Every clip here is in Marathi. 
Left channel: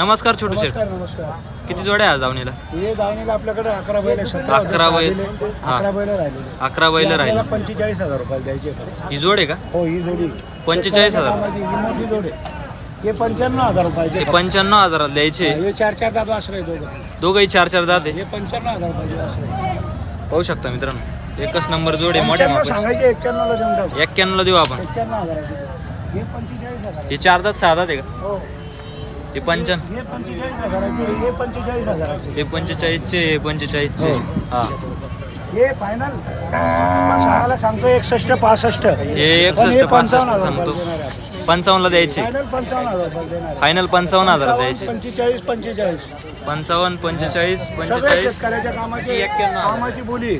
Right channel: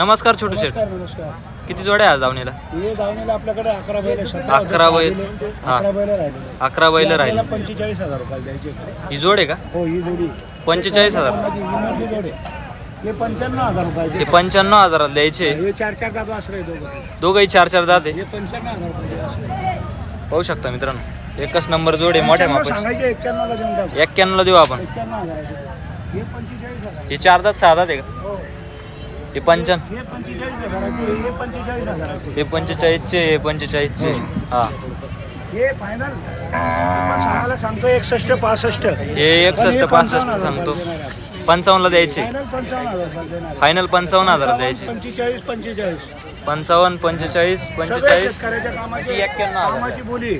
नमस्कार छोटू शेठ. नमस्कार नमस्कार. किती जोड्या आहे आज दावणीला? हे दावणीला आपल्याकडे 11 बैल 11 बैल. 11 बैल राहिलेले. 11 बैल राहिले. 45,000 रुपये द्यायचे. ही जोड आहे का? हो ही जोडी 45,000. माझी ही मोठी जोड आहे. हे 95,000 रुपये. हे 95,000 द्यायचे. हे 4-4 दात वासरे दोघं. दोघंही 4-4 दात आहे. हे 95,000 रुपये वासरे. पाहू शकता मित्रांनो, एकच नंबर जोड आहे मोठ्या मापाची. सांगायचे 91 ला देऊन टाकू. 91 ला देऊ आपण. 91,000. हे 45,000. हे 4 दात 6 दात आहे का? हो. हे 55. हे 45,000. हे 45,000. हे 45 चे, हे 45 चे. हा हे फायनल सांगायला सांगतो 61 65. हे 61 65 सांगतो. 55 ला द्यायचे. फायनल 55,000 रुपये देणार. फायनल 55,000 द्यायचे. 45 45. 55 45 45 कामाची 91,000. कामाची बोली.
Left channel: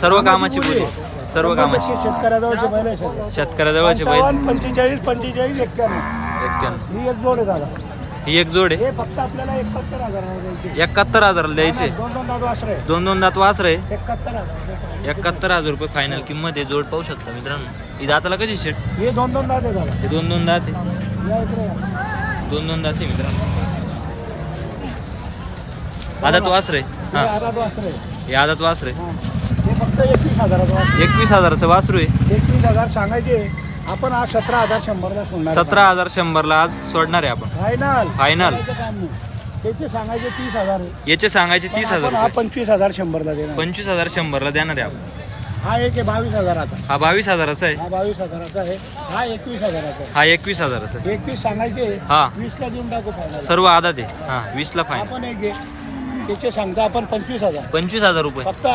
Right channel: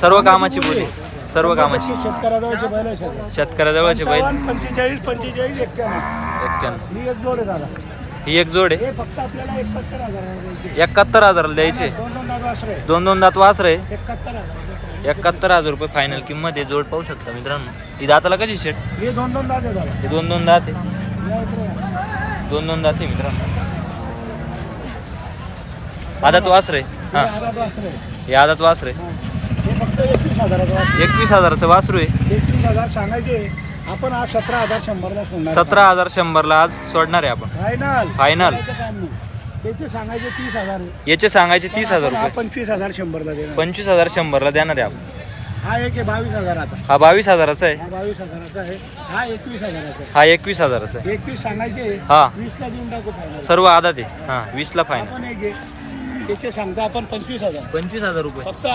सर्व कामाची बोली. सर्व कामाची. शेतकऱ्याजवळचे बैल आहे सगळे. शेतकऱ्याजवळचे बैल. 45 45 91. 91. ही एक जोड आहे दादा. ही एक जोड आहे. हे फक्त आपल्याला 71,000 द्यायचे. 71,000 द्यायचे. दोन दोन दादा वासरे. दोन दात वासरे. 71,000. 71,000 रुपये फायनल किंमत आहे. जोड पाहू शकता मित्रांनो. ही दाताला कशी शेट? हे दोन दोन दादा दादा. हे दोन दात आहे. या इकडे. दोन दात आहे मित्रांनो. आदात वासरे. हे हा आधात वासरे. हे आदात वासरे. हा. हे फक्त 21,000 वासरे. 21,000चं वासरू आहे. 21,000 सांगायचे. आपण आज 17,100 ला सोडणार. 17,100 ला आज सोडणार आहे आपण. फायनल. फायनल. त्याचे सांगायचे 30,000 आहे. याचे सांगायचे 30,000 हा रुपये. 25,100 ला देणार. 25,100 ला देणार आहे आपण. हा एक आहे 22,000 आता. हा 22,000चा आहे. हा 22,000 आहे. हा 21,000 आहे. हा 21,000चा आहे. 21 सांगायचे. हा 20 ला देऊन टाकू फायनल. सर्व आदात आहे. हा 20 ला फायनल. आपण एक आहे. त्याचे सांगतो आपण 25,000. 25,000 रुपये. फक्त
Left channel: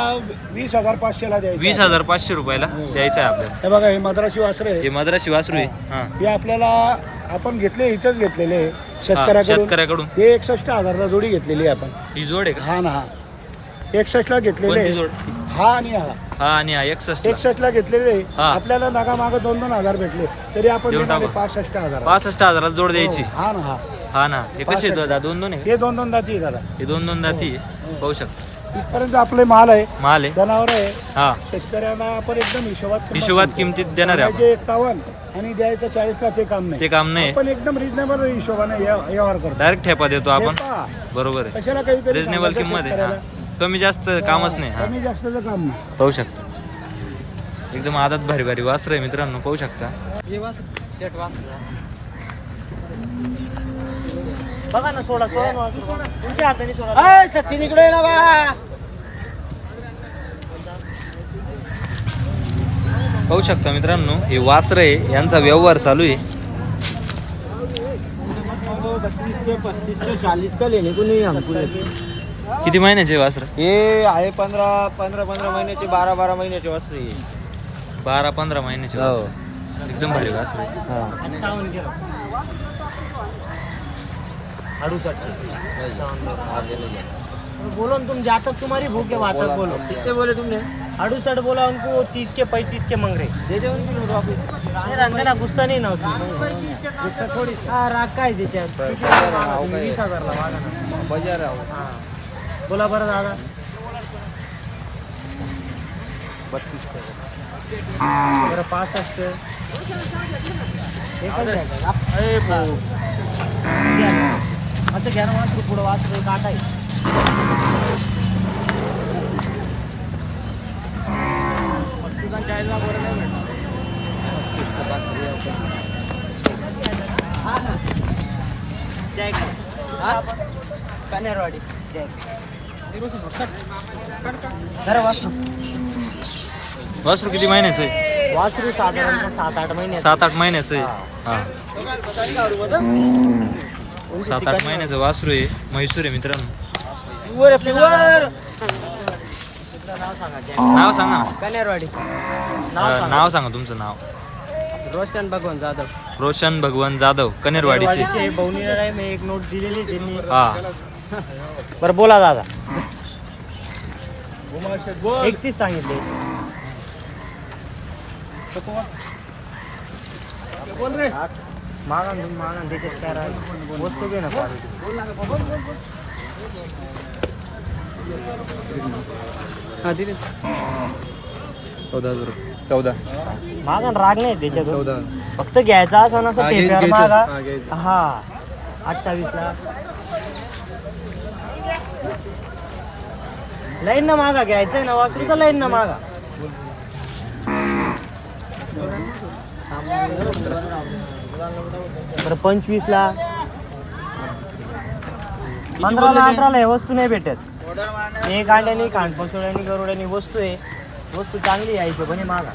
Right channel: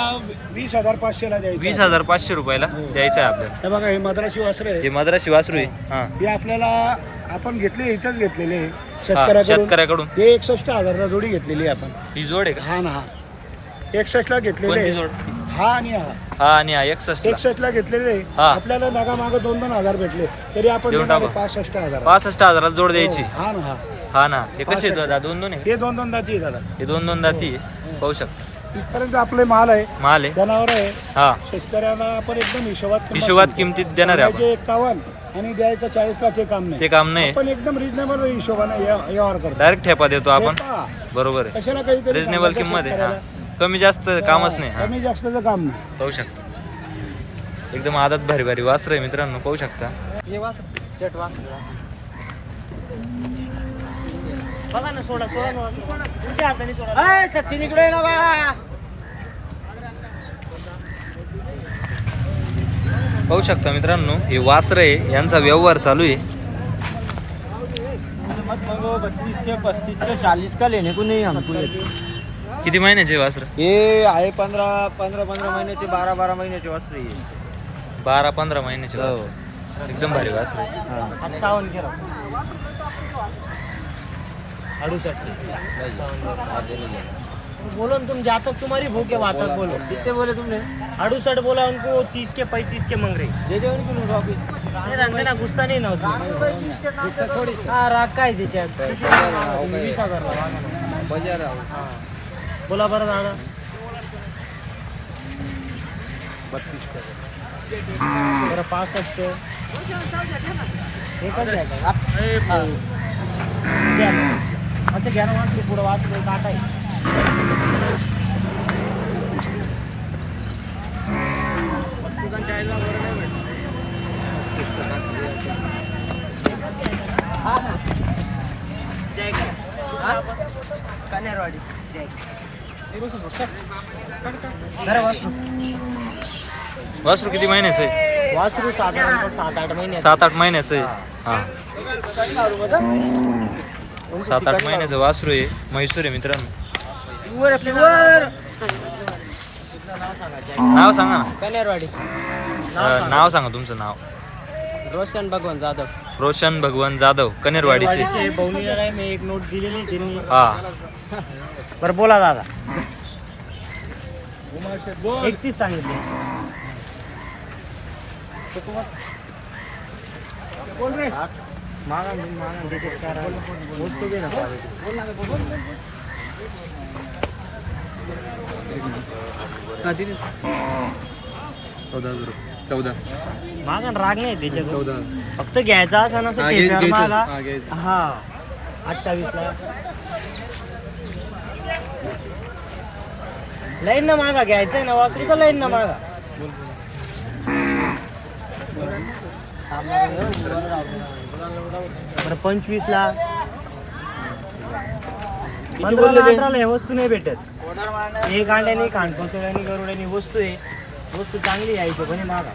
20,500 ला द्यायचं. 20,500 रुपयाला द्यायचं आहे आपल्याला. हे बघा हे मद्रासी वासरे आहे. हे मद्रासी वासरू आहे. हा हे आपल्याला आपण घेतले इथेच घेतलेले आहे. हा, शेतकऱ्याकडून. शेतकऱ्याकडून. हे 61,000 ला जोडी घेतलेली आहे आपण. ही जोड आहे का? हा ना हा 61 ला घेतलेले कोणती आहे. जोड? हा आणि हा हा आणि हा 61 ला. 61 ला घेतलेले हा. आपल्याला नगा माग 2-2 हजार भेटले तरी आपण देऊन देणार टाका. 65,000. 65,000 जोड द्यायची. हा ना हा हा ना. हे कसे आहेत दादा? दोन आहे का? हे 2-2 दाती आहे दादा. हे दोन दाती आहे. पाहू शकता. इथपर्यंत आपले माल आहे. माल आहे. जनावर आहे. हा शेतकऱ्यांना आपण एकदम हिशोबात किमतीत देणार आहे आपण. 51 आणि द्यायचं 40 ला ते काम ते नाही. काम नाही. आपण एकदम रिजनेबल हिशोबाने व्यवहार करतो. डायरेक्ट ठेपा देतो आपण. ठेपा. बरोबर आहे. कशाला काहीतरी रिजनेबल सांगायचं किंमत आहे. हा शेतकऱ्याला. कमी जास्त कामच नाही. हा कमी जास्तचं काम नाही. पाहू शकता. एकदम आदत भारी भारी वासर आहे मित्रांनो. पाहू शकता. बघा ना सोडा सोडा ना. तुमच्या हाताने सोडा. ए सचिन इकडे ये ना बाळा. पाहू शकता मित्रांनो, हे वासर आहे यांचा व्यवहार चालू आहे. 32 के 35 के 40 का लेने को नहीं हमको. किती महिन्याचे वासर? हे आहे 15 महिन्याचे 12 महिन्याचे वासरे. 12-15 महिन्याचे वासर. एकदम भारी वासर आहे. 68 बोलो ना तुम, जहाँ तक तुम्हारी भूख है वहाँ तक बोलो. कितने बोले तुमने? 68 बोला उनको. 30 के 35 के मांग रहे. दे दे उनकी लो अभी. रंगाला गुस्सा नाही ना उसमें. गुस्सा थोडी. हा राग काय त्याच्यात. 20,000 ला मागा ना. बजार हा बोला बरं दादा. 32 बरं 65. एकच द्यायचं. असं घ्या ना वासरू. पुढं वासरू काटा आहे. हा ना कन्यारवाडी. वासरू किती महिन्याचं आहे? वासरू साधारणतः 7-8 महिने. 7-8 महिन्याचं आहे. हा 7-8 महिन्याचं वासरू आहे. म्हैसूर आहे मित्रांनो. नाव सांगा ना. कन्यारवाडी. नाव सांगा तुमचं नाव. रोशन भगवान जाधव. रोशन भगवान जाधव कनेरवाडीचे. बवणीला मी एक नोट दिलेली त्यांनी. हा बरं बोला दादा. 31 सांगितले. बोल रे. मागा त्याच्यात काय राहिलं. वस्तू घे ना. हा दिले 14,000 रुपये. 14 मागा राग नाही त्याच्यात. 14 फक्त घ्यायचा असं नसं हा, ठेक्यावर घ्यायचं. मागा. हा, घ्यायचं. हा 28 ला लाईन ना मागा घ्यायचंय ना वासरू तर लाईन ना मागा. बरं 25 ला 15 ला 18 ला हे वस्तू नाही भेटत. हे गांड्यानी खांडपसोड्यानी गरुड्यानी वस्तू आहे. वस्तू चांगली यायची पण मागा.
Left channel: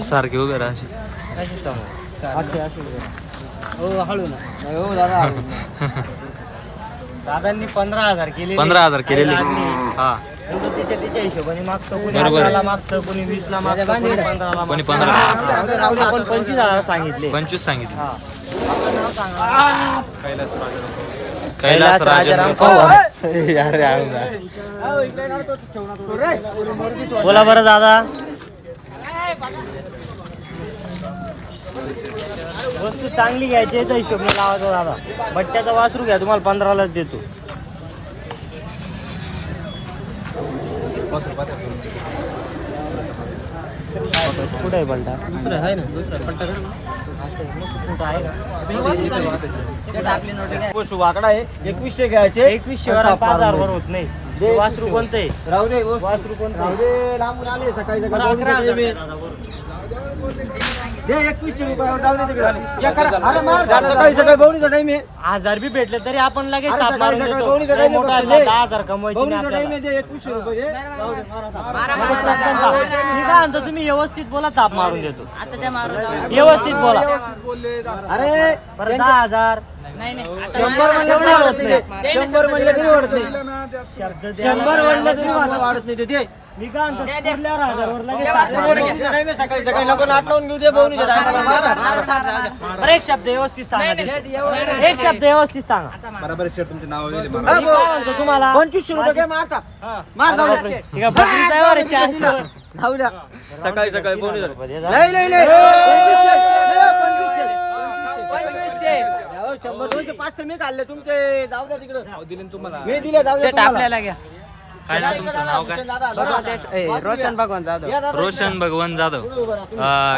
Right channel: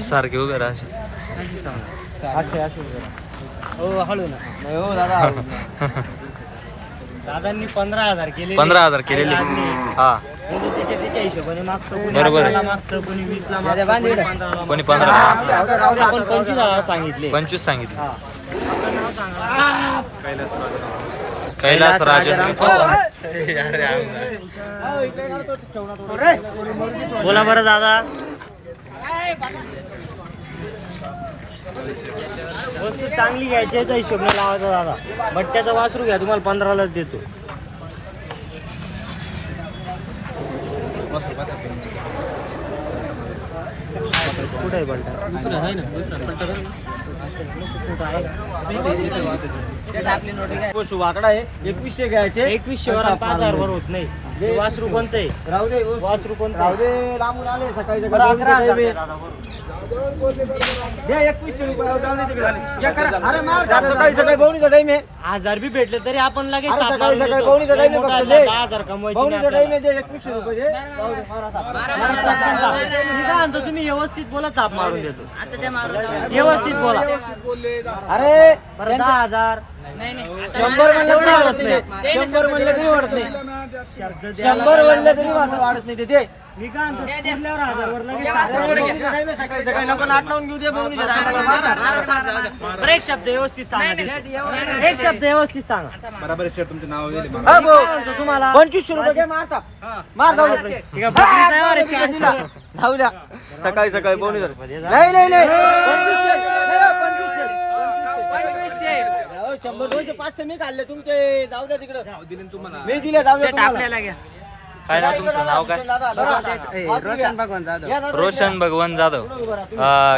सारखे उभे राहा अशी. असे असे हो हळू ना नाही हो दादा. दादांनी 15,000 केले. 15,000 केलेले. हा तिच्या हिशोबाने मागतो. कोणी बरोबर आहे. 18 ला मागतो, कोणी 20 ला मागतो, कोणी 15 ला. आपण 25,000 सांगितले. 25 सांगितले. हा. आपलं नाव सांगा. कैलास राजेंद्र पवार. बोला बरं दादा. वस्तू चांगली घ्यायची याच्या हिशोबने लावायचा दादा. बट्ट्याचा वासरू घ्या तुम्हाला 15 लाच देतो. कुठे आहे बलटा? दुसरं आहे ना, दुसरा पलटा कर ना. वाकडा आहे 2100 घ्यायचे. 2100 वर 5,000 वर होत नाही. हे वासरू कोणतं आहे? राहू दे वासरू कोणतं आहे? लांबून आले सकाळी बरं, 11,000 द्या दादा, बरोबर. घे 2100 रुपयावर डाऊन तिकडे. अरे मार सकाळी सकाळी बहुणीचा टाइम आहे. 1000 बी भेटले तरी आपण लगेच अरे ताप सकाळी मारून सकाळी देतो. बहुणीचा टाइम आहे मोठा फक्त दे. 10,000 कमवायची नाही बहुणीचा टाइम आपल्याला. आहे. 2100 रुपये दे. जाऊ दे, मार आता. मी काय म्हणतो तुम्ही व्यवस्थित बोला, ताप मारून देतो. व्यवस्थित बोला. अरे बरं 10,000 100 म्हणलं तरी वाढत नाही. 100 म्हणलं तरी वाढत नाही. 100 म्हणलं तरी वाढत नाही. ते मी काय म्हणतो पुरल्यावर 1000 वर लगेच बहुणीचा टाइम आहे. सकाळी सकाळी नको नाट लावून घेऊ दे. बहुणीचा टाइम बरं, एक शब्द व्यवस्थित सांगा. एक शब्द व्यवस्थित सांगा. बरोबर सर तुमचे नाव येईल मी काय म्हणतो तुम्हाला 2500 रुपये घे. मार टाक. मार जाऊ दे. ठीक आहे, बकरीचा आहे बरं, 400 वर. जाऊ द्या. सकाळी सकाळी बहुणीचा रुपये दे जा. नाही नाही नाही 2500 100 200 500 मी काढले तुमचे. जाऊ द्या तिकडे. दिले तुम्हाला. मी दिले. जाऊ द्या तुम्हाला. काय नाव तुमचं? नाव काय? रोशन भगवान जाधव. रोशन भगवान जाधव.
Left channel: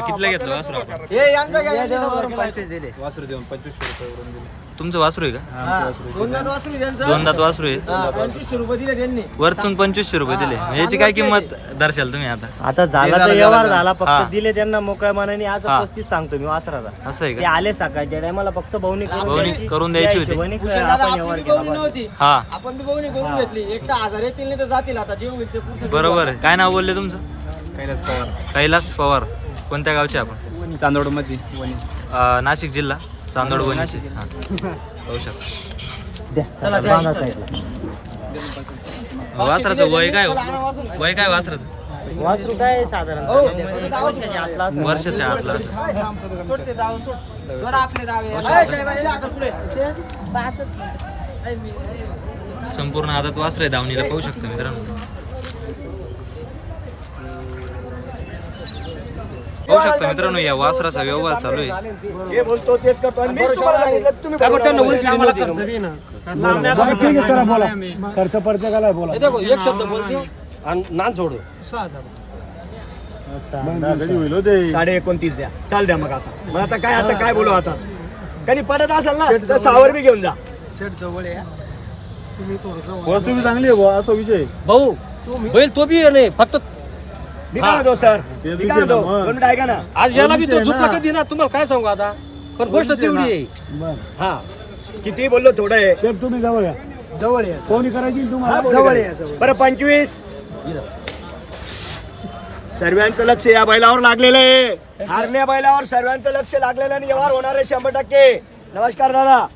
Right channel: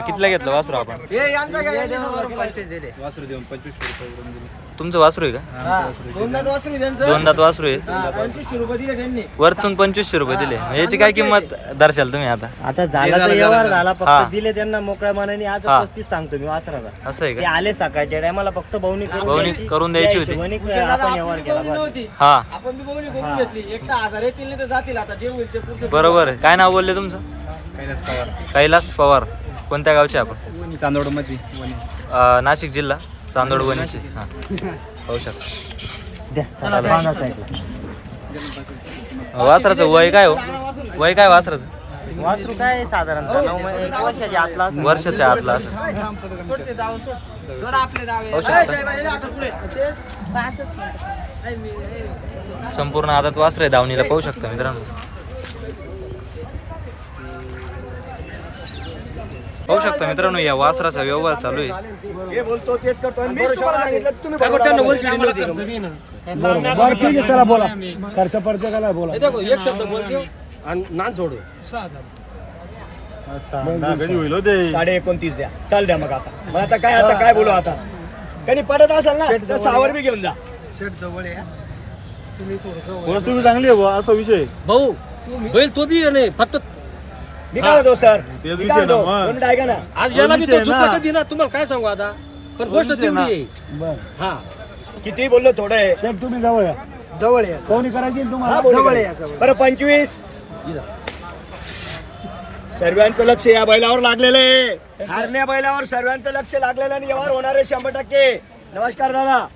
कितीला घेतलं वासरू आपण? हे यांचं घ्या, यांचे 100 रुपये. वासरू देऊन 2500 रुपये दिले. तुमचं वासरू आहे का? हा, दोन दात वासरू आहे त्यांचं. 2 दात वासरू आहे. हा, 2500 रुपये दिले त्यांनी. वरतून 2500 रुपये दिले. याची काय किंमत दर्शाल तुम्ही आता? आता झाला तर व्यवहार झाला. हा. फक्त दिले त्यांना मोकळ्या मनाने. आज हा. 35 सांगतो मी वासराचा. असं आहे ते का? आले सकाळच्या टायमाला फक्त बहुणी बहुणी करून द्यायची होती. हिशोबाने विषय झाला, आपण आपली व्यवहार बी केला बहुणी बस. नव्हती. हा आपण बी बहुणी करून घेतली. एक तर 1000 येतील नाही तर जातील. आता जे होईल ते पुढचं बरोबर आहे. काय नाव बोलले तुमचं? कैलास पवार. कैलास पवार. कोणत्या गावचे आपण? चांदोड मध्ये वणी. नाशिक जिल्हा चांदोड वणीचे. हा पाहू शकता. द्या चला बांधा साईडला. वासराचं वय काय हो? वय काय वासराचं? वासरू काय साधारण 9 वर्षाच्या आतला असेल. वर्षाच्या आतला असं पाहू शकता. संपूर्ण आदत वासर आहे दावणीला. पाहू शकता मित्रांनो. पाहू शकता मित्रांनो, या वासराचा व्यवहार चालू आहे. हे बोलतो तेच करतो. आणि मीच तुम्हाला सांगितलं, तुम्ही बरोबर चला बोला. खर्च प्रत्येकाला बोला. एक शब्द बोलतो आणि नान सोडू. 29.5 द्या. चाल द्या मग आता. मग आता काय बोलू आता. कधी पडत असेल ना तर 6 बी घेऊन जा. वस्तू चांगली आहे बुवा, असा विषय. भाऊ होईल तो बी नाही फक्त मी काय म्हणतो सर, तेच मी काय म्हणतो विषय ना. 2 मिनिट ऐका ना. आज याला बी तो विषय झुकला ना. कधी ना तुम्हाला काय सांगू आता पण गोष्ट तेवढी आहे. बर हा किती बोललो थोडं आहे. सर तुम्ही जवळ या. जवळ या. कोणी करायची ना हा, तुम्हाला? बोलू करा. बरं 25. सर्वांचं लक्ष या बैलावर लागलेलं आहे. हारण्या बैलावर सर्वांचं लक्ष लागलेलं आणि व्यवहार होणार आहे 100%. नमस्कार दादा.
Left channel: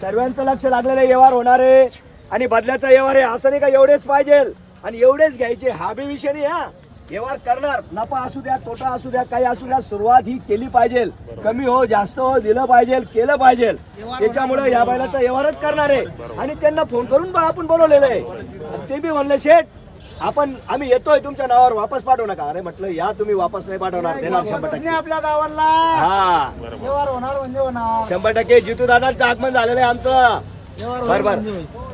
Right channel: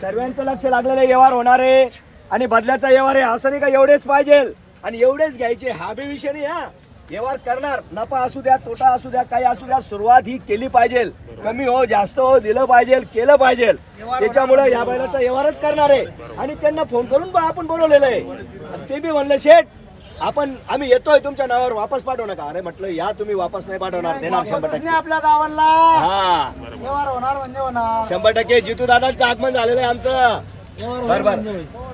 सर्वांचं लक्ष लागलेलं आहे, व्यवहार होणार आहे आणि बदल्याचा व्यवहार आहे. असं नाही का एवढेच पाहिजे आणि एवढेच घ्यायचे, हा बी विषय नाही. हा व्यवहार करणार, नफा असू द्या तोटा असू द्या काही असू द्या, सुरुवात ही केली पाहिजे. कमी हो जास्त हो दिलं पाहिजे, केलं पाहिजे. त्याच्यामुळे या बैलाचा व्यवहारच करणार आहे आणि त्यांना फोन करून आपण बोलवलेलं आहे. आणि ते बी म्हणले शेठ आम्ही येतोय तुमच्या नावावर, वापस पाठवू नका. अरे म्हटलं या तुम्ही वापस नाही पाठवणार, देणार 100%. आपल्या गावाला हा व्यवहार होणार म्हणजे होणार. 100% जितू दादांचं आगमन झालेलं आहे आमचं. बरोबर.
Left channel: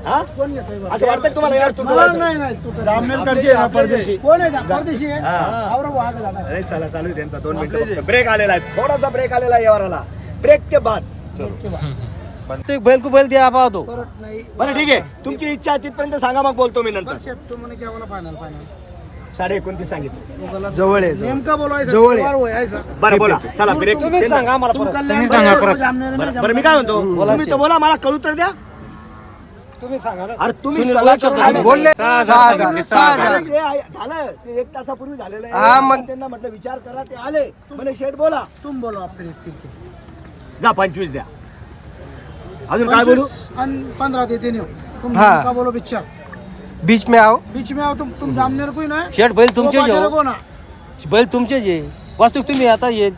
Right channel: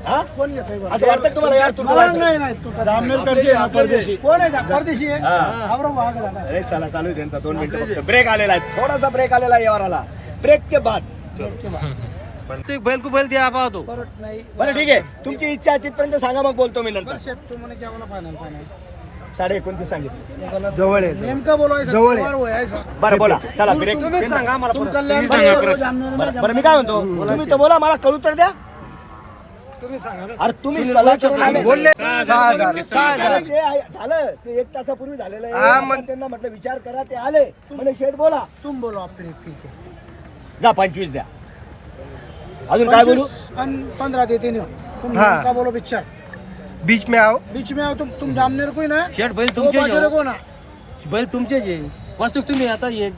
हा कोण येतोय बरं? असं वाटतं तुम्हाला यार मला तुम्हाला नाही तू जामनेरकडची आहे ना, परदेशी. कोण आहे परदेशी आहे? हा. आवरो भाग दादा. अरे साला चालू आहे त्यांचा 2 मिनिटं फक्त. ब्रेक आलेला आहे, थोडासा ब्रेक आलेला आहे व्यवहाराला. ब्रेक के बाद बैल को बैल दिया पाहतो परत नाही बरं ठीक आहे, तुमची इच्छा तिथपर्यंत सांगा, मग बोलतो मी नंतर. बरं शेट तू म्हणे की आम्हाला फायनल 29.5 सांगितलं. जवळ आहे नेमकं बोलवायचं जवळ आहे बरं बोला, चला ब्रेक. तुम्ही सांगा आम्हाला तुम परत. कल्याण बरं मी काय म्हणतो, तुम्ही तर बोला, मला कळू तर द्या. तुम्ही सांगा ना. अरे तुम्ही सल्ला करून आले. बोलले 6,000 झालं ते 1 तासापूर्वी झालेलं आहे. मग त्यांना म्हटलं विचार करा, ते आले म्हणे शेठ बोला. तुम बोलो आप फिर ठीक है जा 25 द्या. अजून काय बोलू? 15 देते नहीं हो. तुम का बोलो पिक्चर बीच में आओ बीच में आओ. तुम जामनेर कोई ना शेठ बैल तुमचे बाजारे को ना बैल तुमचे जे वास्तू तुम्ही आता ये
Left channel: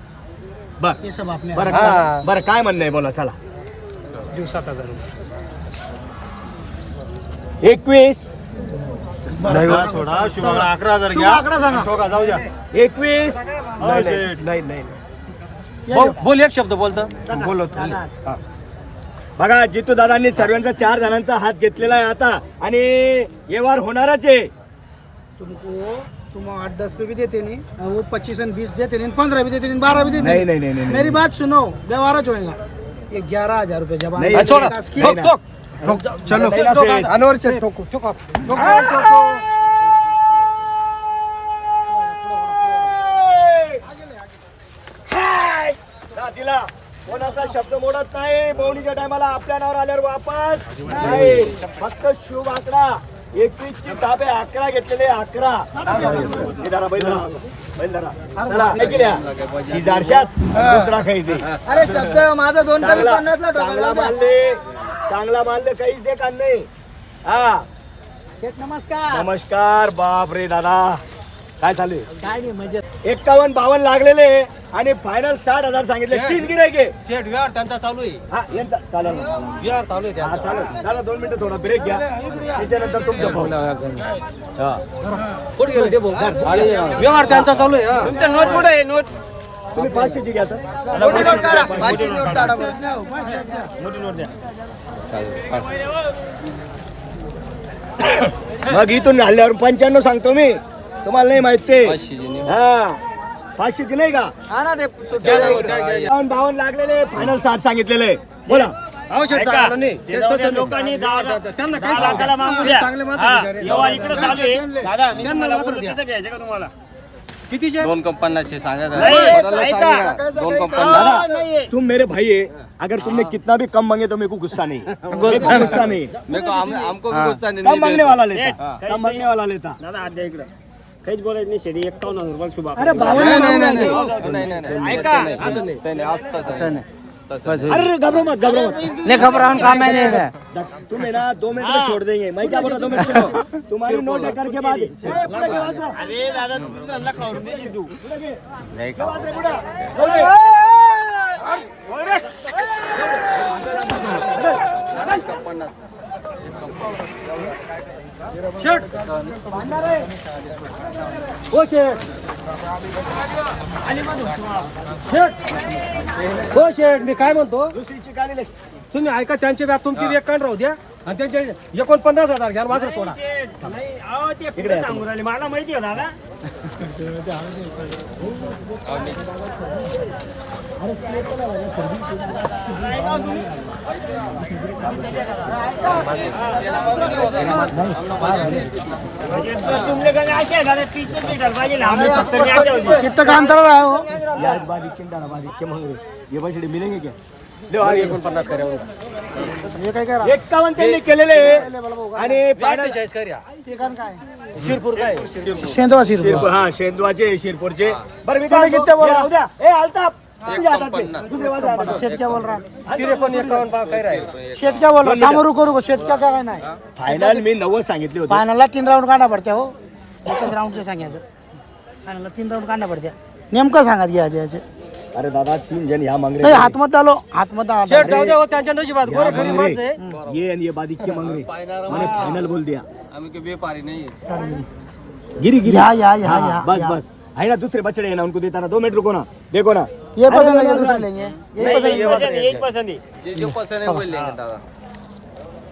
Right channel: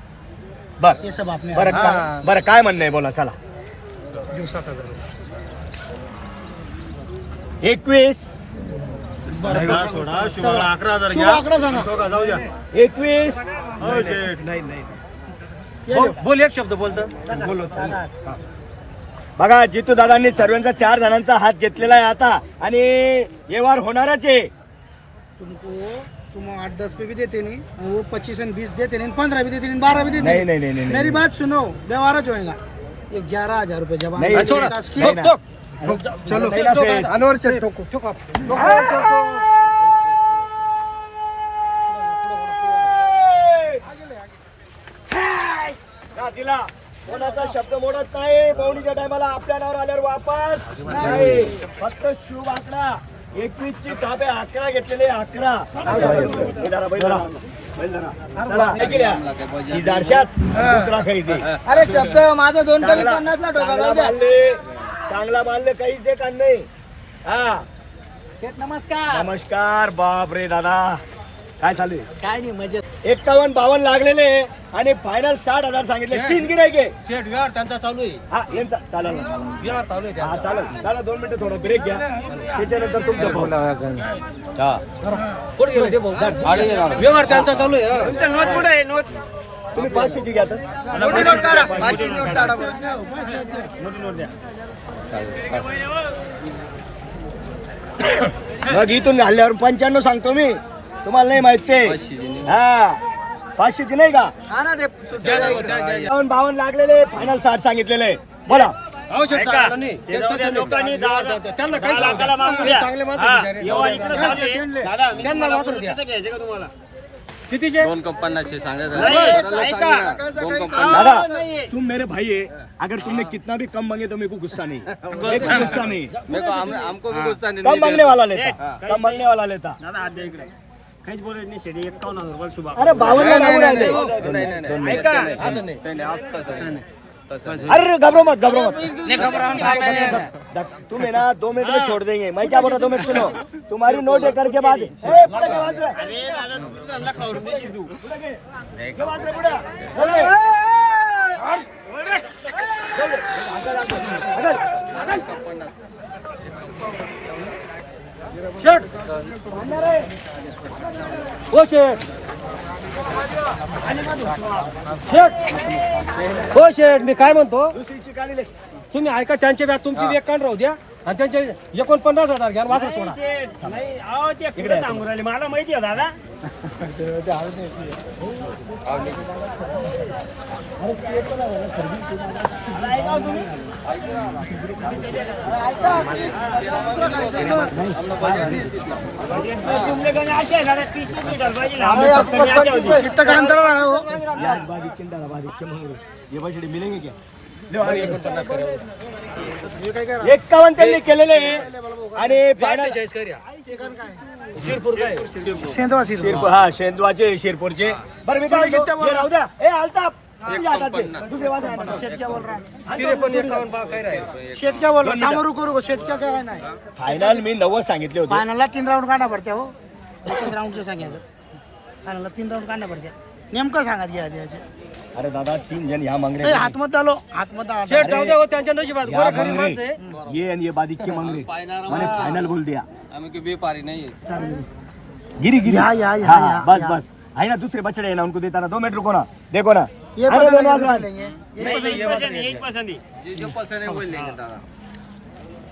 बर ये सब आपने बरं काय म्हणणं आहे बोला, चला. 21 शुभ आकडा सांगा 21 नाही बोल एक शब्द बोलतो बोलो बघा, जितू दादांनी सर्वांचा 4 जणांचा हात घेतलेला आहे आता, आणि व्यवहार होणारच आहे. तुमको तुम 8-10 पे भी देते नहीं और वो 25 और 20 देते नहीं, 15 भी देते नहीं, 12 भी देते नहीं नहीं नहीं नहीं मेरी बात सुनो, व्यवहार होएगा ये 11,000 रुपए जमा नहीं, नहीं, छोड़, काश की- नहीं ना. चलो नहीं ना फिर. अनवर से ठोको का दिला, कोणाचा शब्द मोडत नाही. पवनीच्या टायमाला आपल्या नावावर आल्यावर वापस नाही. फक्त शुभ आकडा 21 ची ताबे 11 घेतलेले 11. चला शेजारशात दुसरा काही दे. अरे शब्द माझा 2 कमी 50 ला ठोका जाऊ द्या. चांगला मानले काहीच दे का नाही. हा नमस्कार. नमस्कार. बाप रे दादा, काय चालू आहे? काय नाही मजेत. 51-52 लागलेले आणि फायनल 60,000 सांगितले. 3 गिरायके. शेठ व्यवहार त्यांचा चालू आहे हा यांचा चालेल ना, चालेल. व्यवहार चालू आहे हा चालेल. दादा 2 मिनिटं थोडा ब्रेक घ्या, त्याच्यानंतर तुमचं पाहू. हा कुठे गेले ते भाऊ व्यवहार त्यांचा चालू आहे हा. तुमचं नोट कुठे आहे नोट? तुम्ही 500 ची घ्या तर. मग इथून हल्ल्यावर 95 सांगतो मी, तुम्हाला नाही माहित ते. हा 500 ची नाही का? हा ना ते 52 लागलेले, फायनल 60 सांगितलेले. बोला. अहो शेठ सांगायला नाही ते तसं नाही. त्यांना काय सांगा चांगले माणसं व्यवहार इकडे चालू आहे. दादा त्यांना वासर द्या. घ्यायचे का तुम्हाला? कितीचे 2,50 सांगा दादा तुम मेरे भाई है, अगर तुमने कितना भी कम मांगे तो मेरे को गुस्सा नहीं. मेरे को गुस्सा नहीं. हमको भी गुस्सा नहीं. कम मांगने वाला लेता, कम मांगने वाला लेता. दादा हात द्या इकडे. काहीच बोलायचं नाही. शेडी 51,000 रुपये शुभ आकडा. अरे 52 मागून राहिले. ऐका असं नाही अरे घबरो मत, घबरो मत. नाही घबरावून काम आहे नाही. तुम है ना 2 मिनट में छोड़ देंगे. मैं क्या बोल रहा हूँ 2 मिनट सुनो. तुम्हारी नोट लेकर के बाद अरे दादा तुझं अंडा खावरून देशील तू. शेठ हो शेठ हो शेठ मी काय म्हणतो दुसरीची गाडी ले. तुम्ही ऐका त्यांचे व्याज तुमची वेग काढ राहू द्या आणि त्यांचे 49,000 घ्या वासर सोडा. नाही अहो ते कुठे सांगून राहिले मला माहिती आहे दादा. तुमले गंगा असे आहे दादा 30 मीटर पाहिजे. आम्ही 70 ने अशा होती. कितना काम कर रहा है वो यार बाजी चिंता ना, बाजी के मांग रहे. ये पैसे मिलेंगे क्या? 51 त्यांनी केलेले आणि फायनल सेंधवा सिर हा शेंदवाचे शिरपूरचे. बरं मी काय म्हणतो, हे राहू द्या. ए अल्ताफ तुझ्या हातात दे. दुसरे वाज राहणार. शेठ क्या बोल रहा है काय शेठ क्या बोल रहा है काम रुको रुको शेठ का कहना है फायनल मी 90 सांगितले होते. फायनलला 3 राऊंड काढा पडते हो. एकच राऊंडचं सांगायचं. फायनलला 3 राऊंड काढा पडते. नेमकं सांगत घ्या द्यायचे. अरे दादा 3 जण या मांग ए, रहे. हात मत डालो हात मत डालो. शेठ जाऊ द्या हो, त्यांच्या नशिबात या मांग रहे. ये आणि ये बादिक के मांग रहे. मैंने फाइनल बोल दिया. हमें कोई व्यापारी नहीं है. गिरी गिरी. या, या, या, हाँ, या, बस या. बस है ना. दूसरे बछड़े है ना, उनको देता ना. 2 मिनट रुको ना, देखो ना. ये पसंद लेंगे दूसरे लेंगे एक पसंद आहे. जो पसंद है वो लेंगे दादा.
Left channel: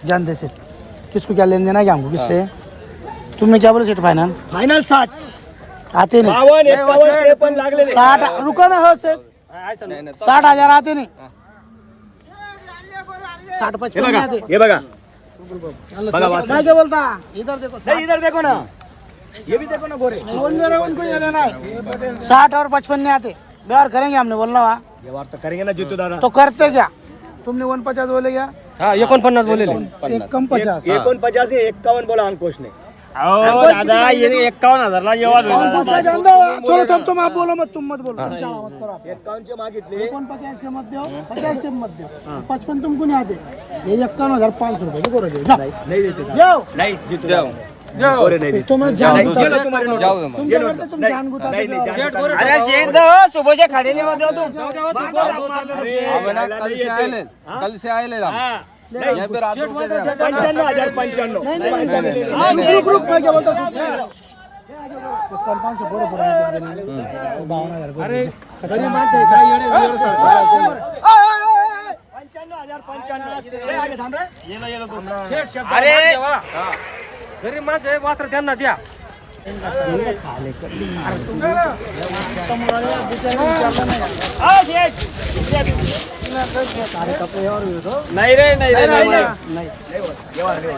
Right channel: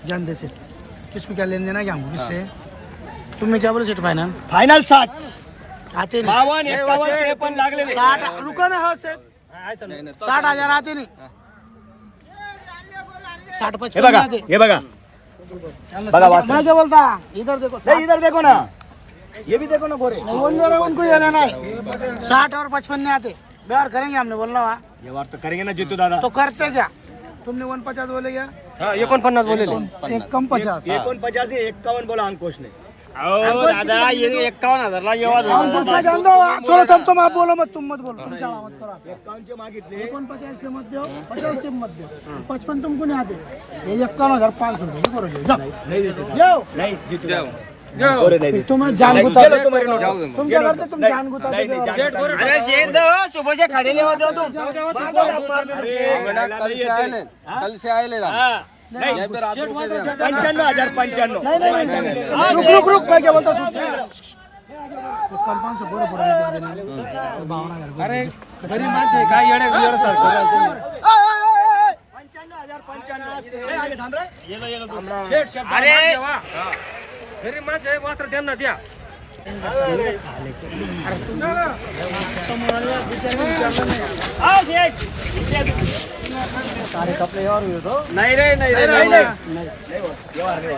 जान दे सेठ किसको क्या लेन देना क्या हमको किससे. तुमने क्या बोले सेठ फाइनल फाइनल 60 आते नहीं 52 51 53 लागलेले. 60 रुको ना हो सेठ नहीं, नहीं. 60,000 आते नहीं 60 हे 55 बघा आते हे बघा बघा वासरू. मैं क्या बोलता इधर देखो नहीं, इधर देखो ना, ये भी देखो ना गोरे. बोल दे रहा हूं उनको ये लेना है 60 और 55 नहीं आते व्यवहार करेंगे हमने बोलना हुआ व्यवहार तो करेंगे ना जीतू दादा. तो करते क्या तुमने 150 बोले क्या हा 49 बोलेलो. एक कम 50 49 से 51 बोला अंकुश ने. दादा ये 51,000ला व्यवहार छोड़ो तुम आप बोलो मत तुम मत बोलो तुम शाळा मत करो आप. 51 चे मागितले. 49 के मत दो 50 के मत दो 55 तुमको नहीं आते ये 51,500 रुपये देखो रोज जाओ नहीं देते दादा. जाओ नहीं जीतू दादा. गोरे नहीं देते. तुम्हें जान नहीं, गुता ये लो तुम्हारे नोट. जाऊ दे मग. तुम क्या करते तुम नहीं, जान गुता नहीं, नहीं, जान गुता नहीं. अरे शेख दा सुबहचे खाडे लेवा देव तू. अरे याला नाही येते. कल से आए हम. हा. नाही. या फिर रात को दे. 95,095. रुक मैं क्या बोलता हूँ 500 बरोबर आहे 52,000 अरे गरीब माणसं आहे, काय येण्या 95,095. आगे थांब रे. अरे गरीब माणसं आहे, वासर त्यांना द्या. नाही रे नाही रे नाही नाही. व्यवहार नाही.